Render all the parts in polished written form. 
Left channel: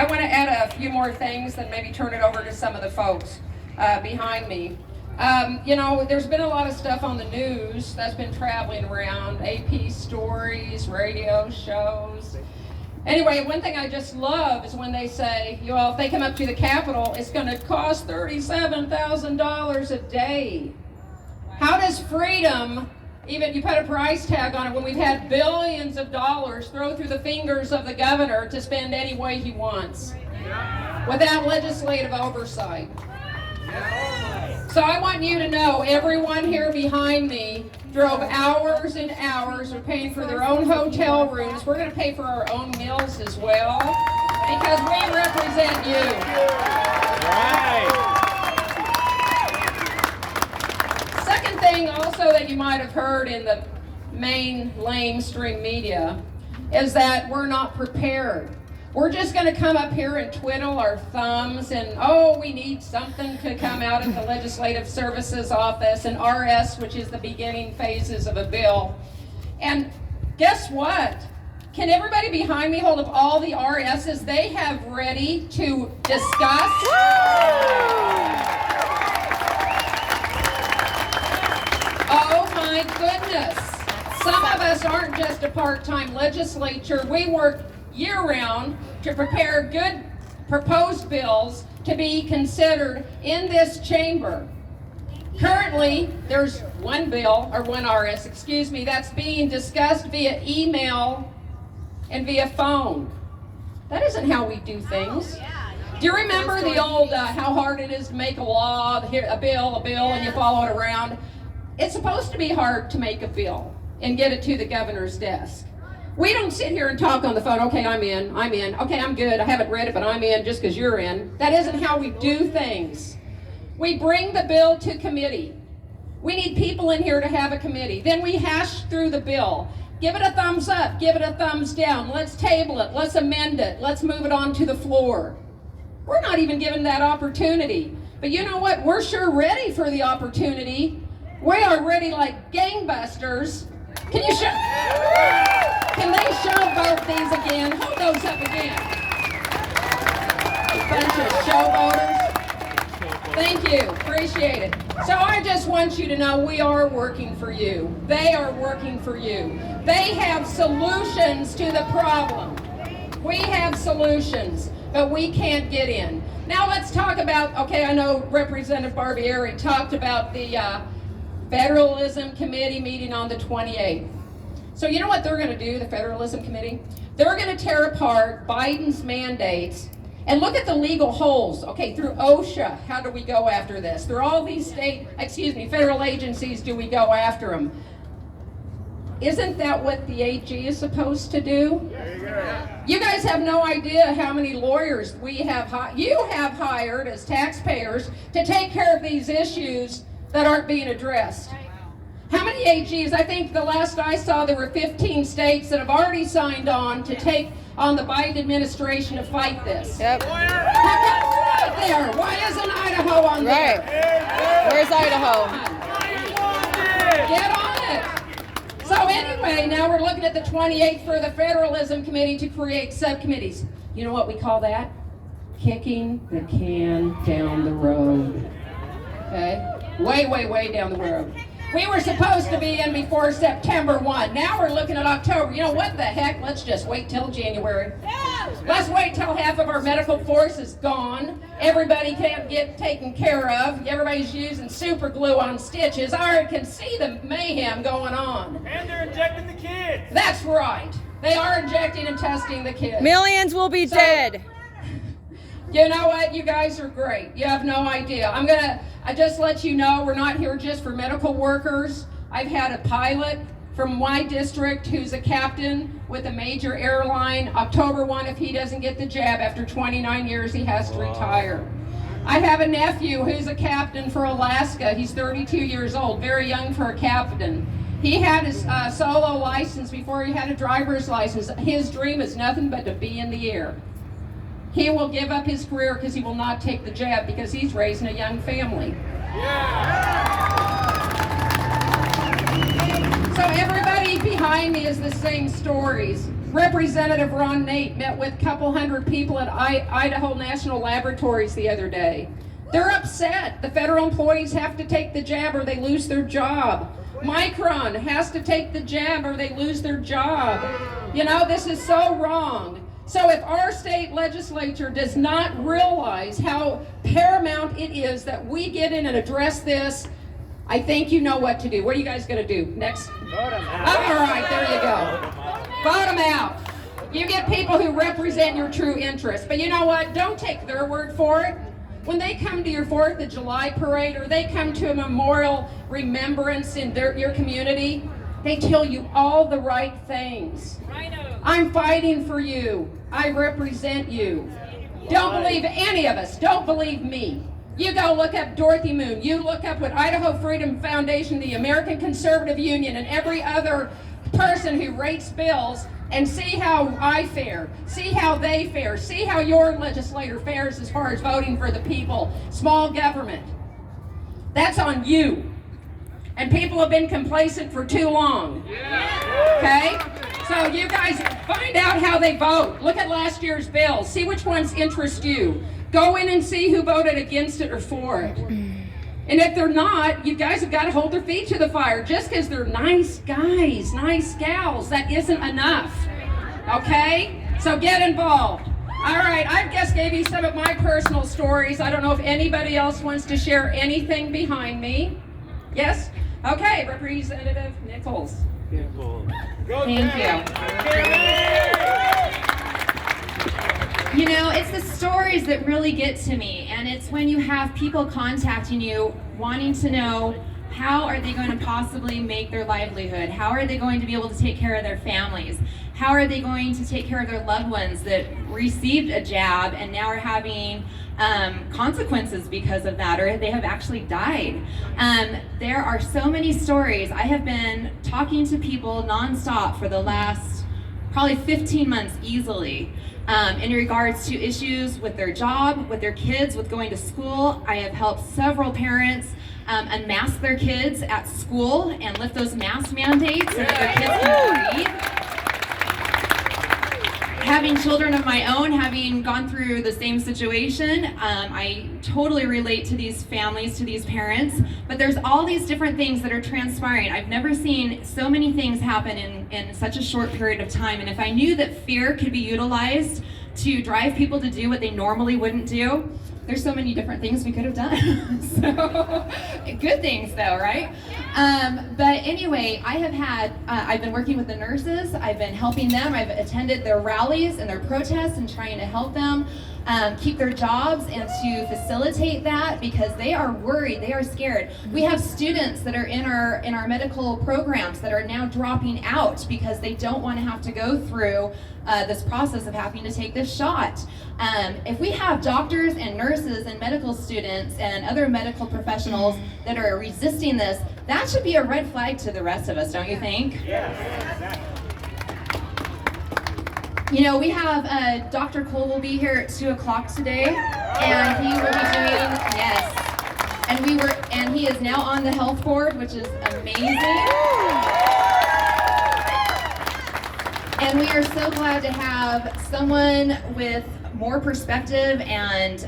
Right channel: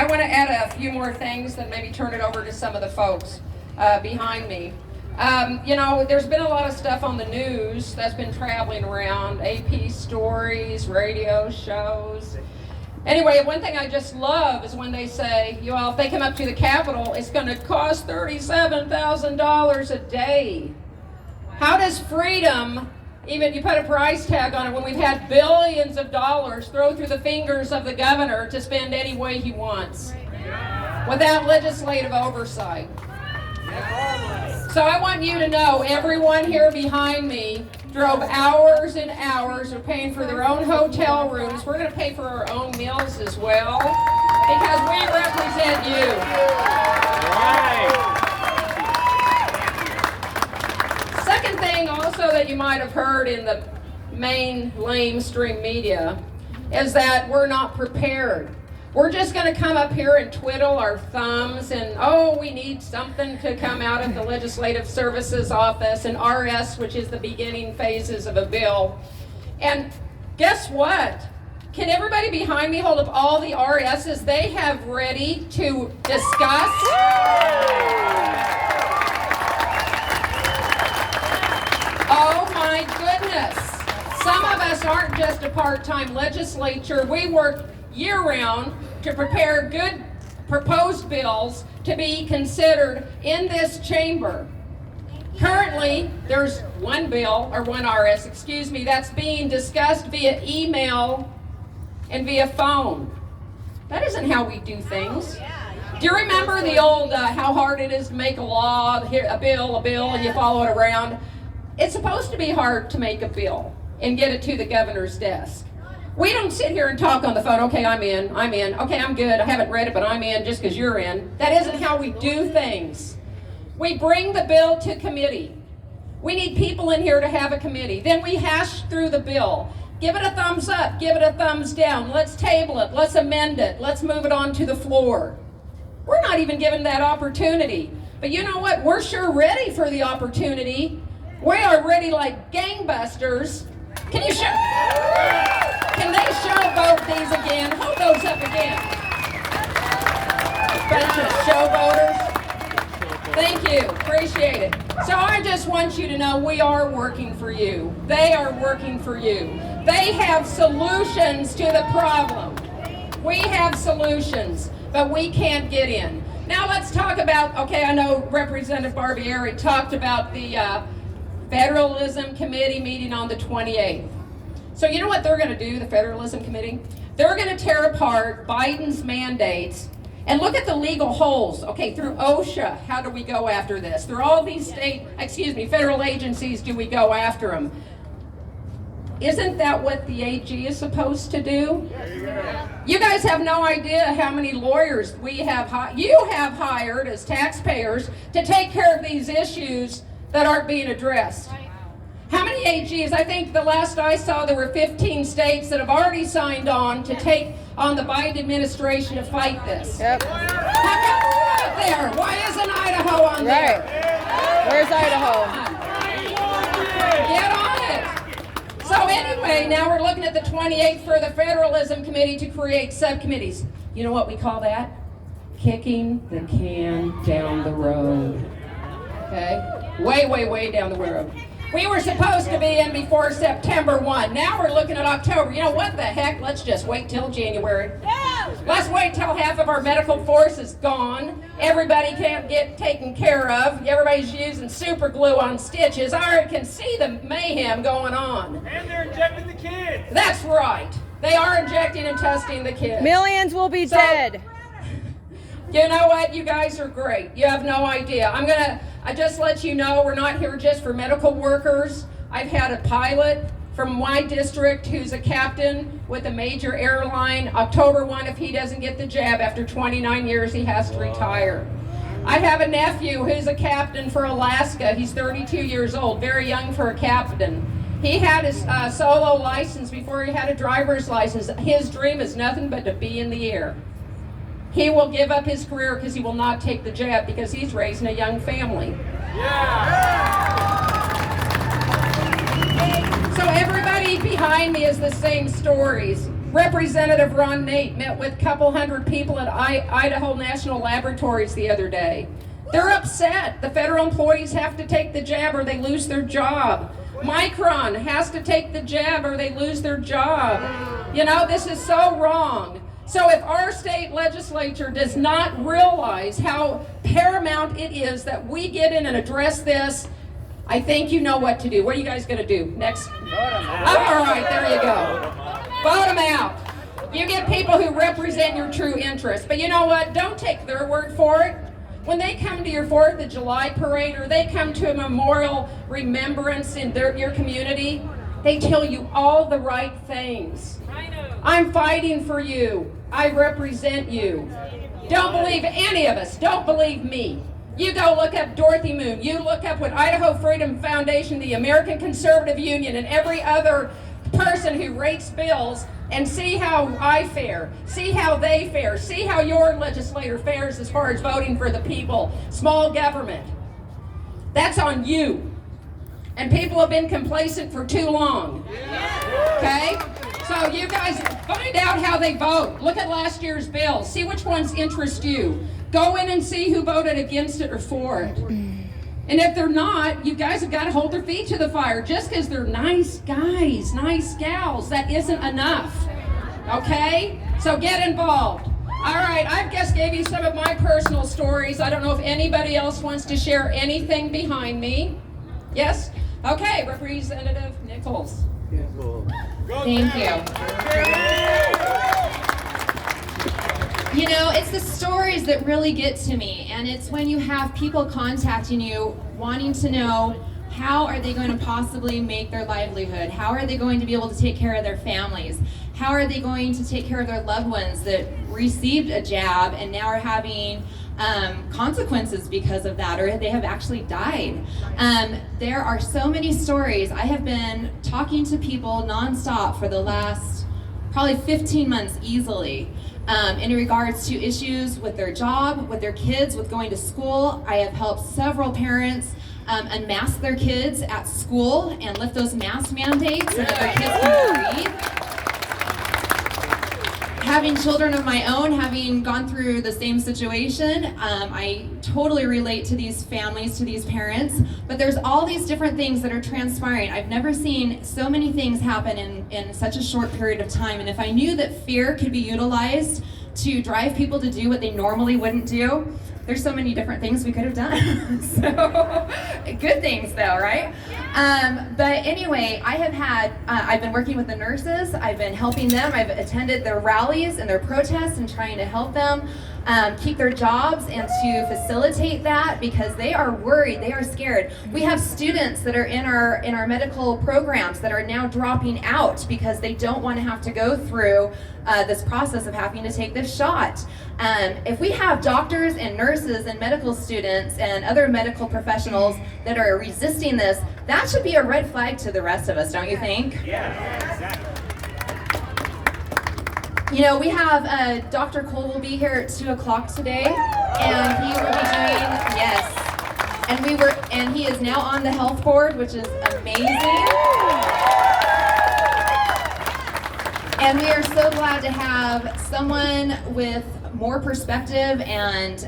I want to add a few more things, then maybe turn it over to some of the folks behind me. You know, there's been a lot of stuff on the news that's been traveling around, AP stories, radio shows. Anyway, one thing I just love is when they say, you know, if they come up to the Capitol, it's going to cost $37,000 a day. How does freedom, even you put a price tag on it when we've had billions of dollars thrown through the fingers of the governor to spend any way he wants without legislative oversight? So I want you to know, everyone here behind me drove hours and hours of paying for their own hotel rooms. We're going to pay for our own meals as well because we represent you. Second thing also that you might have heard in the main lamestream media is that we're not prepared. We're just going to come up here and twiddle our thumbs and, oh, we need something to come out of the Legislative Services Office and RS, which is the beginning phases of a bill. And guess what? Can everybody behind me hold up all the RSs they have ready to discuss? Oh my goodness. Some of us aren't just a part-time legislature. We work year-round to prepare good proposed bills to be considered in this chamber. Currently, there's one bill, or one RS, excuse me, that's being discussed via email and via phone. That isn't how we do things. Do you remember the old how hard it is to make a law, a bill, and you follow it around? It's supposed to be hard to make a bill and get it to the governor's desk. We don't sit here and talk on the phone, okay, I'm in, okay, I'm good, I haven't read it, but I'm in just because you're in. That isn't how we do things. We bring the bill to committee. We need people in here to have a committee. Then we hash through the bill. Give it a thumbs up, give it a thumbs down. Let's table it, let's amend it, let's move it on to the floor. We're not even given that opportunity. But you know what? We're sure ready for the opportunity. We are ready like gangbusters. Can you show? Can they show both these again? Hold those up again. Bunch of showboaters. Thank you. Appreciate it. So I just want you to know we are working for you. They are working for you. They have solutions to the problem. We have solutions, but we can't get in. Now let's talk about, okay, I know Representative Barbieri talked about the Federalism Committee meeting on the 28th. So you know what they're going to do, the Federalism Committee? They're going to tear apart Biden's mandates and look at the legal holes. Okay, through OSHA, how do we go after this? Through all these federal agencies, do we go after them? Isn't that what the AG is supposed to do? You guys have no idea how many lawyers you have hired as taxpayers to take care of these issues that aren't being addressed. How many AGs? I think the last I saw there were 15 states that have already signed on to take on the Biden administration to fight this. Yep. How come we're not there? Why isn't Idaho on Right. there? Where's Idaho? Get on it. So anyway, now we're looking at the 28th for the Federalism Committee to create subcommittees. You know what we call that? Kicking the can down the road. Okay? Way, way, way down the road. We were supposed to be in before September 1. Now we're looking at October. You know what the heck? Let's just wait till January. Let's wait till half of our medical force is gone. Everybody can't get taken care of. Everybody's using super glue on stitches. I already can see the mayhem going on. And they're injecting the kids. That's right. They are injecting and testing the kids. Millions will be dead. You know what? You guys are great. You have no idea. I just let you know we're not here just for medical workers. I've had a pilot from my district who's a captain with a major airline. October 1, if he doesn't get the jab after 29 years, he has to retire. I have a nephew who's a captain for Alaska. He's 32 years old, very young for a captain. He had his solo license before he had a driver's license. His dream is nothing but to be in the air. He will give up his career because he will not take the jab because he's raising a young family. So everybody behind me is the same stories. Representative Ron Nate met with a couple hundred people at Idaho National Laboratories the other day. They're upset. The federal employees have to take the jab or they lose their job. Micron has to take the jab or they lose their job. You know, this is so wrong. So if our state legislature does not realize how paramount it is that we get in and address this, I think you know what to do. What are you guys going to do next? Vote them out. All right, there you go. Vote them out. You get people who represent your true interests. But you know what? Don't take their word for it. When they come to your 4th of July parade or they come to a memorial remembrance in your community, they tell you all the right things. I'm fighting for you. I represent you. Don't believe any of us. Don't believe me. You go look up Dorothy Moon. You look up what Idaho Freedom Foundation, the American Conservative Union, and every other person who rates bills, and see how I fare, see how they fare, see how your legislator fares as far as voting for the people, small government. That's on you. And people have been complacent for too long. Okay? So you guys find out how they vote. Look at last year's bill. See which ones interest you. Go in and see who voted against it or for it. And if they're not, you guys have got to hold their feet to the fire. Just because they're nice guys, nice gals, that isn't enough. Okay? So get involved. All right, I just gave you some of my personal stories. I don't know if anybody else wants to share anything behind me. Yes? Okay, Representative Nichols. Thank you. You know, it's the stories that really get to me, and it's when you have people contacting you wanting to know how are they going to possibly make their livelihood? How are they going to be able to take care of their families? How are they going to take care of their loved ones that received a jab and now are having consequences because of that, or they have actually died? There are so many stories. I have been talking to people nonstop for the last probably 15 months easily. In regards to issues with their job, with their kids, with going to school. I have helped several parents unmask their kids at school and lift those mask mandates so that their kids can breathe. Having children of my own, having gone through the same situation, I totally relate to these families, to these parents, but there's all these different things that are transpiring. I've never seen so many things happen in such a short period of time, and if I knew that fear could be utilized to drive people to do what they normally wouldn't do, there's so many different things we could have done. So, good things though, right? But anyway, I've been working with the nurses, I've been helping them, I've attended their rallies and their protests and trying to help them keep their jobs and to facilitate that because they are worried, they are scared. We have students that are in our medical programs that are now dropping out because they don't want to have to go through this process of having to take this shot. If we have doctors and nurses and medical students and other medical professionals that are resisting this, that should be a red flag to the rest of us, don't you think? Yeah. You know, we have Dr. Cole will be here at 2 o'clock today, and he will be doing, yes, and he is now on the health board, which is amazing. And we are so glad to have someone with more perspective and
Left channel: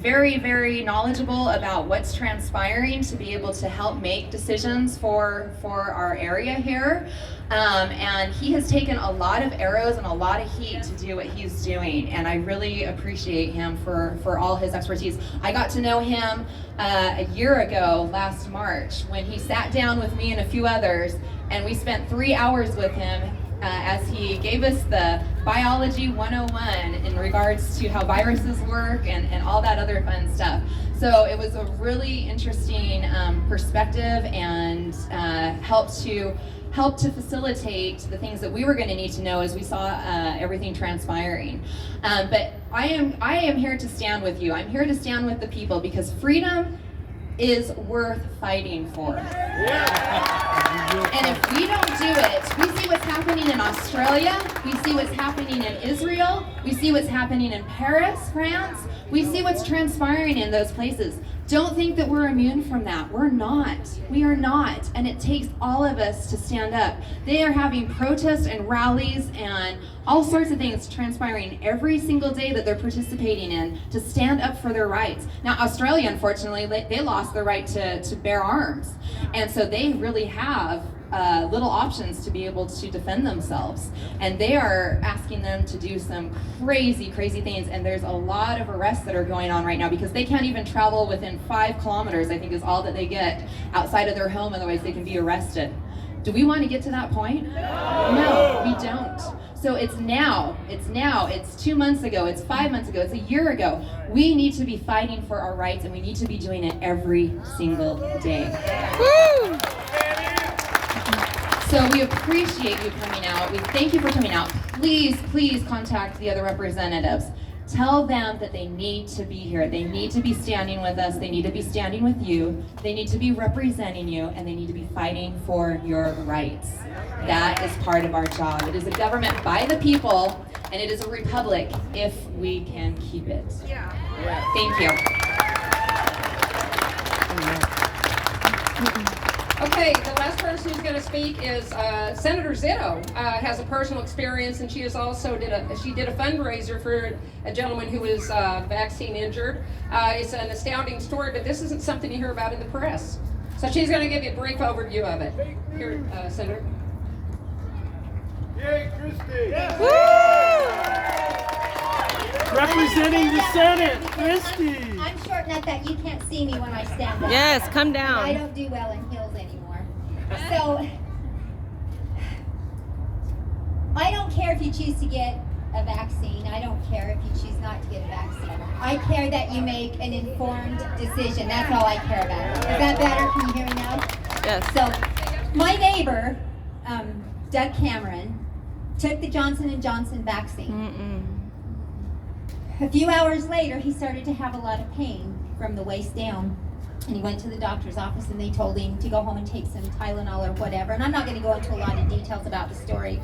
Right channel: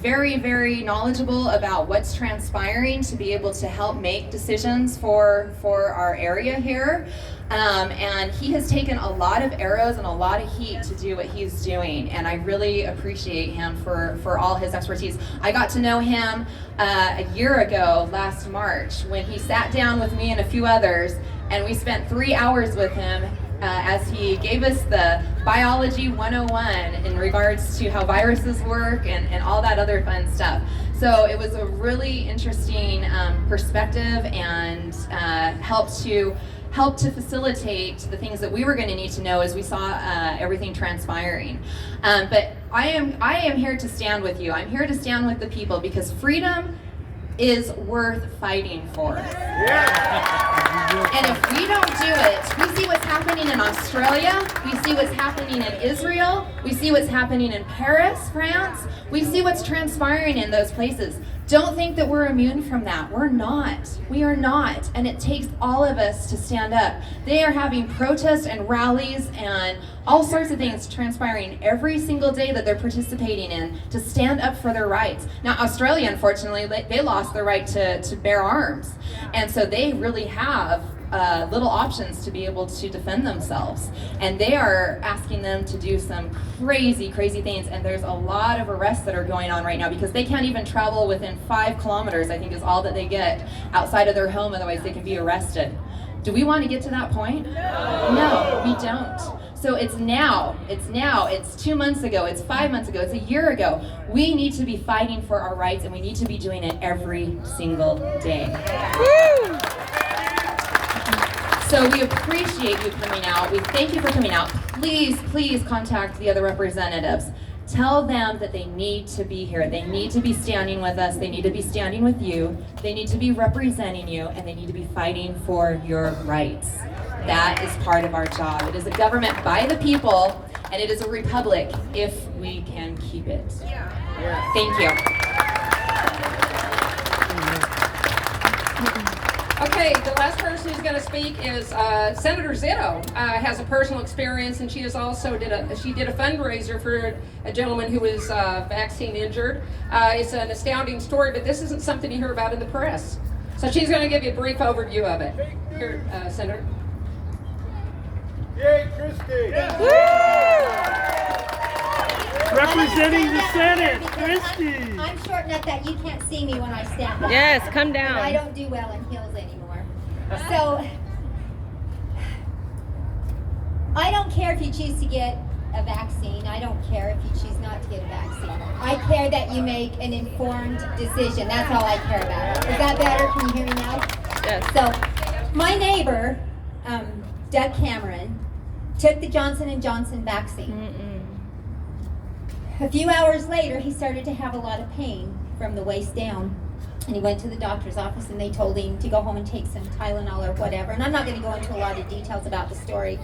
very, very knowledgeable about what's transpiring to be able to help make decisions for our area here. And he has taken a lot of arrows and a lot of heat to do what he's doing, and I really appreciate him for all his expertise. I got to know him a year ago, last March, when he sat down with me and a few others, and we spent 3 hours with him as he gave us the biology 101 in regards to how viruses work and all that other fun stuff. So it was a really interesting perspective and helped to facilitate the things that we were going to need to know as we saw everything transpiring. But I am here to stand with you. I'm here to stand with the people because freedom is worth fighting for. And if we don't do it, we see what's happening in Australia, we see what's happening in Israel, we see what's happening in Paris, France, we see what's transpiring in those places. Don't think that we're immune from that. We're not. We are not. And it takes all of us to stand up. They are having protests and rallies and all sorts of things transpiring every single day that they're participating in to stand up for their rights. Now, Australia, unfortunately, they lost their right to bear arms. And so they really have little options to be able to defend themselves. And they are asking them to do some crazy, crazy things. And there's a lot of arrests that are going on right now because they can't even travel within 5 kilometers, I think is all that they get outside of their home, otherwise they can be arrested. Do we want to get to that point? No, we don't. So it's now, it's 2 months ago, it's 5 months ago, it's a year ago. We need to be fighting for our rights, and we need to be doing it every single day. Woo! So we appreciate you coming out. We thank you for coming out. Please, please contact the other representatives. Tell them that they need to be here. They need to be standing with us. They need to be standing with you. They need to be representing you, and they need to be fighting for your rights. That is part of our job. It is a government by the people, and it is a republic if we can keep it. Yeah. Thank you. Okay, the last person who's going to speak is Senator Zito. Has a personal experience, and she did a fundraiser for a gentleman who was vaccine injured. It's an astounding story, but this isn't something you hear about in the press. So she's going to give you a brief overview of it. Here, Senator. Yay, Christie! Woo! Representing the Senate, Christie! I'm short enough that you can't see me when I stand up. Yes, come And I down. don't do well in heels anymore. So, I don't care if you choose to get a vaccine. I don't care if you choose not to get a vaccine. I care that you make an informed decision. That's all I care about. Is that better? Can you hear me now? Yes. So, my neighbor, Doug Cameron, took the Johnson & Johnson vaccine. A few hours later, he started to have a lot of pain from the waist down. And he went to the doctor's office and they told him to go home and take some Tylenol or whatever. And I'm not going to go into a lot of details about the story.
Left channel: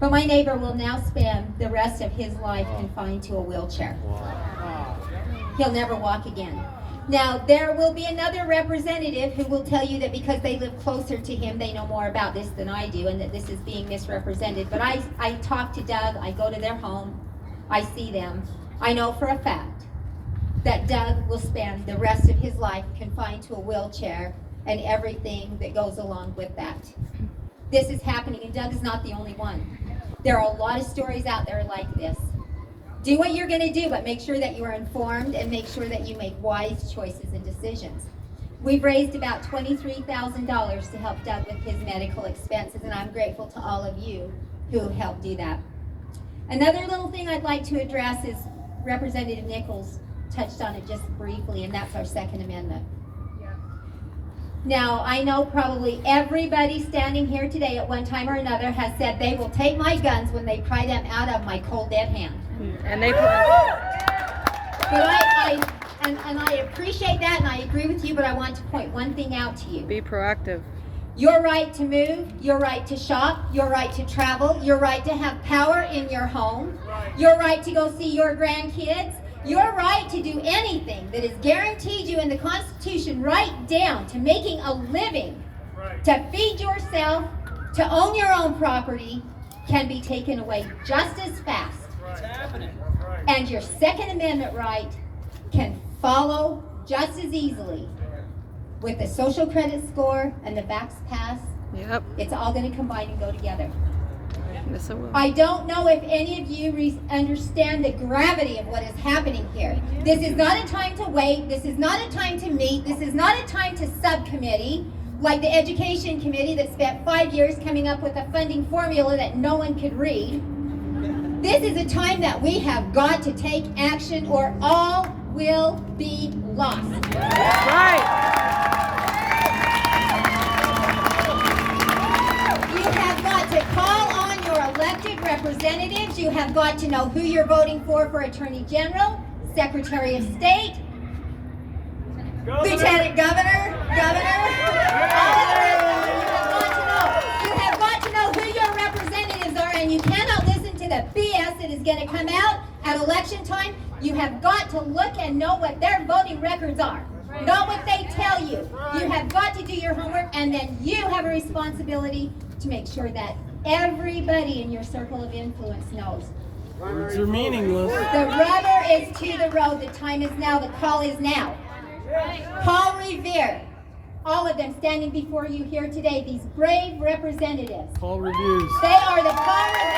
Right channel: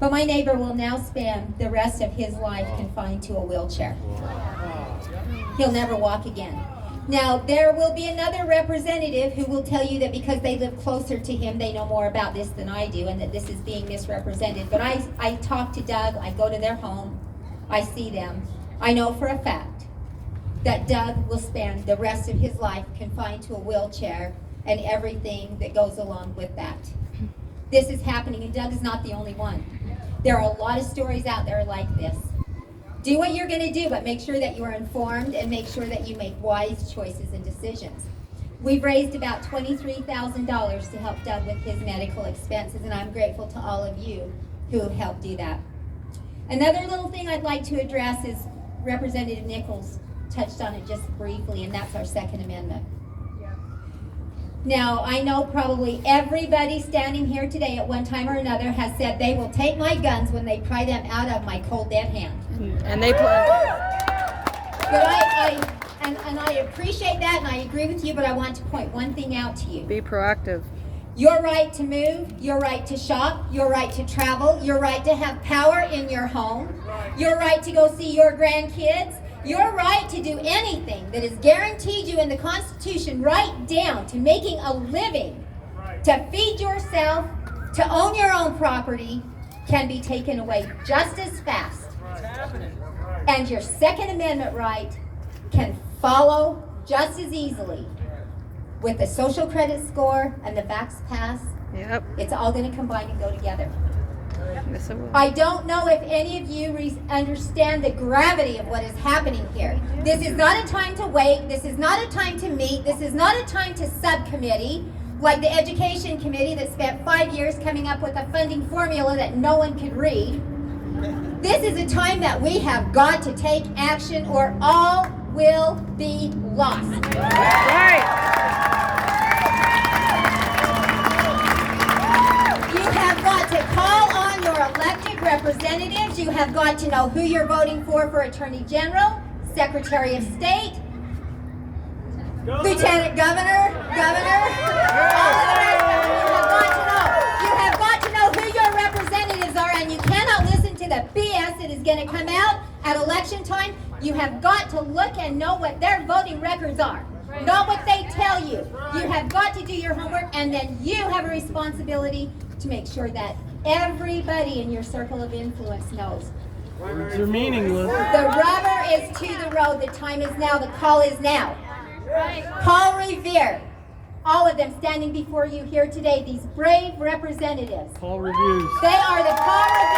But my neighbor will now spend the rest of his life confined to a wheelchair. He'll never walk again. Now, there will be another representative who will tell you that because they live closer to him, they know more about this than I do and that this is being misrepresented. But I talk to Doug, I go to their home, I see them. I know for a fact that Doug will spend the rest of his life confined to a wheelchair and everything that goes along with that. This is happening, and Doug is not the only one. There are a lot of stories out there like this. Do what you're going to do, but make sure that you are informed and make sure that you make wise choices and decisions. We've raised about $23,000 to help Doug with his medical expenses, and I'm grateful to all of you who helped do that. Another little thing I'd like to address is Representative Nichols touched on it just briefly, and that's our Second Amendment. Now, I know probably everybody standing here today at one time or another has said they will take my guns when they pry them out of my cold dead hand. And they But I appreciate that and I agree with you, but I want to point one thing out to you. be proactive. Your right to move, your right to shop, your right to travel, your right to have power in your home, your right to go see your grandkids, your right to do anything that is guaranteed you in the Constitution, right down to making a living, to feed yourself, to own your own property, can be taken away just as fast. And your Second Amendment right can follow just as easily with the social credit score and the Vax Pass. Yep. It's all going to combine and go together. Yes, it will. I don't know if any of you understand the gravity of what is happening here. This is not a time to wait. This is not a time to meet. This is not a time to subcommittee like the Education Committee that spent 5 years coming up with a funding formula that no one could read. This is a time that we have got to take action or all will be lost. Right. You have got to call on your elected representatives. You have got to know who you're voting for Attorney General, Secretary of State, Lieutenant Governor, all of that. You have got to know who your representatives are, and you cannot listen to the BS that is going to come out at election time. You have got to look and know what their voting records are. not what they tell you. You have got to do your homework, and then you have a responsibility to make sure that everybody in your circle of influence knows. Words are meaningless. The rubber is to the road. The time is now. The call is now. Paul Revere, all of them standing before you here today, these brave representatives. Paul reviews. They are the power of